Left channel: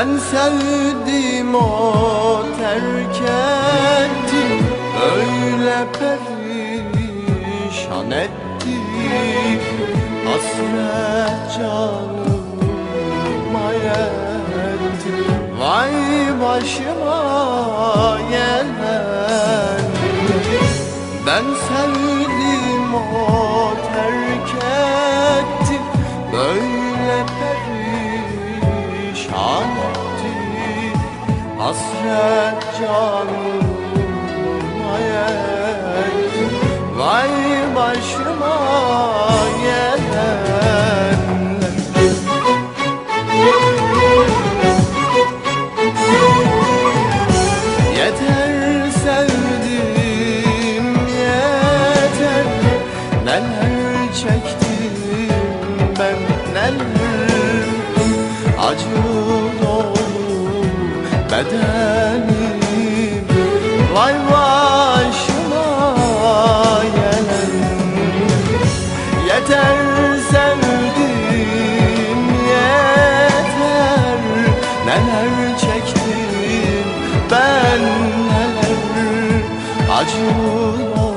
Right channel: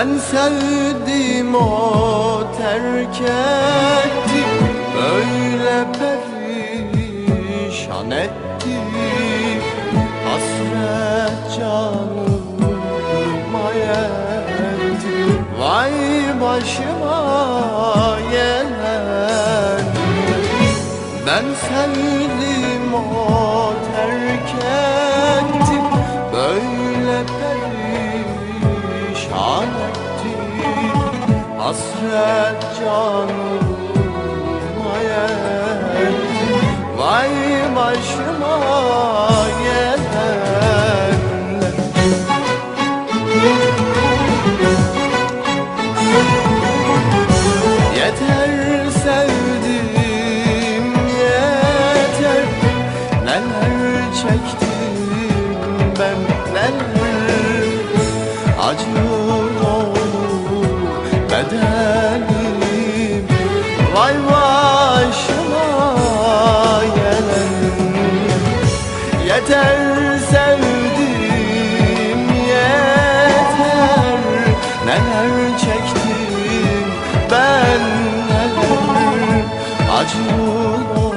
Ben sevdim o terk etti Böyle perişan etti Hasret canıma yetti Vay başıma gelen. Ben sevdim o terk etti Böyle Hasret canıma yetti. Vay başıma gelenler. Yeter sevdim yeter. Neler çektim ben neler. Acı bedenim Vay başıma gelen. Yeter sevdim yeter. Neler çektim ben neler Acı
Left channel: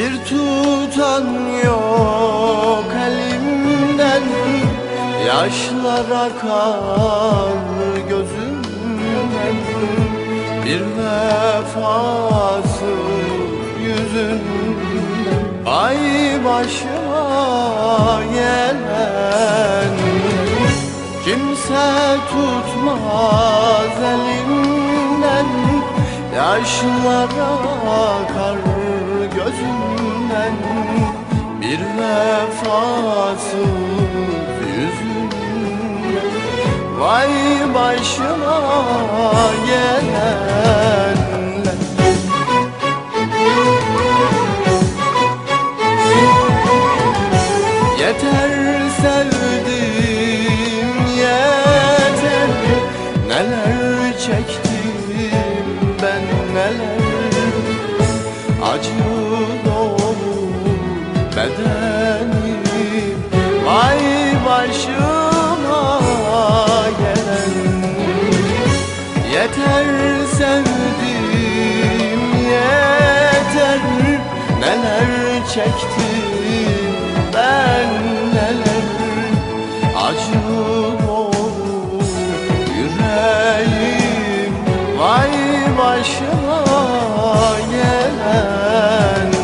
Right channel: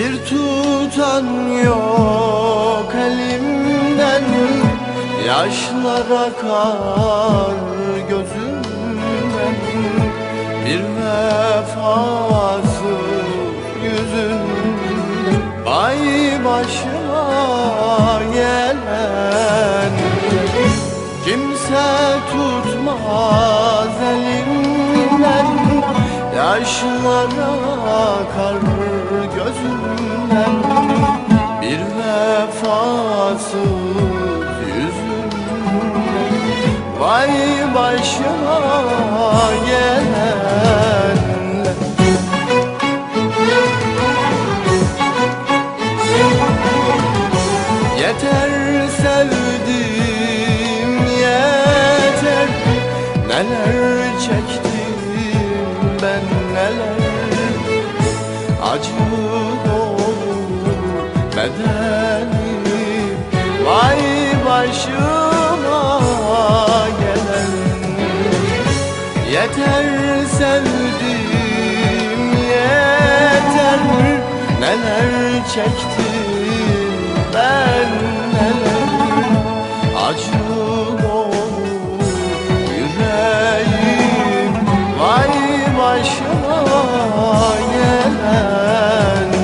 Bir tutan yok elimden. Yaşlar akar gözümden Bir vefası yüzünden Ay başıma gelen. Kimse tutmaz Yaşlar akar gözümden Bir vefasız yüzümden Vay başıma gelenler. Yeter sevdim yeter. Neler çektim neler Acı dolu bedenim. Vay başıma gelen. Yeter sevdim yeter. Neler çektim başıma gelen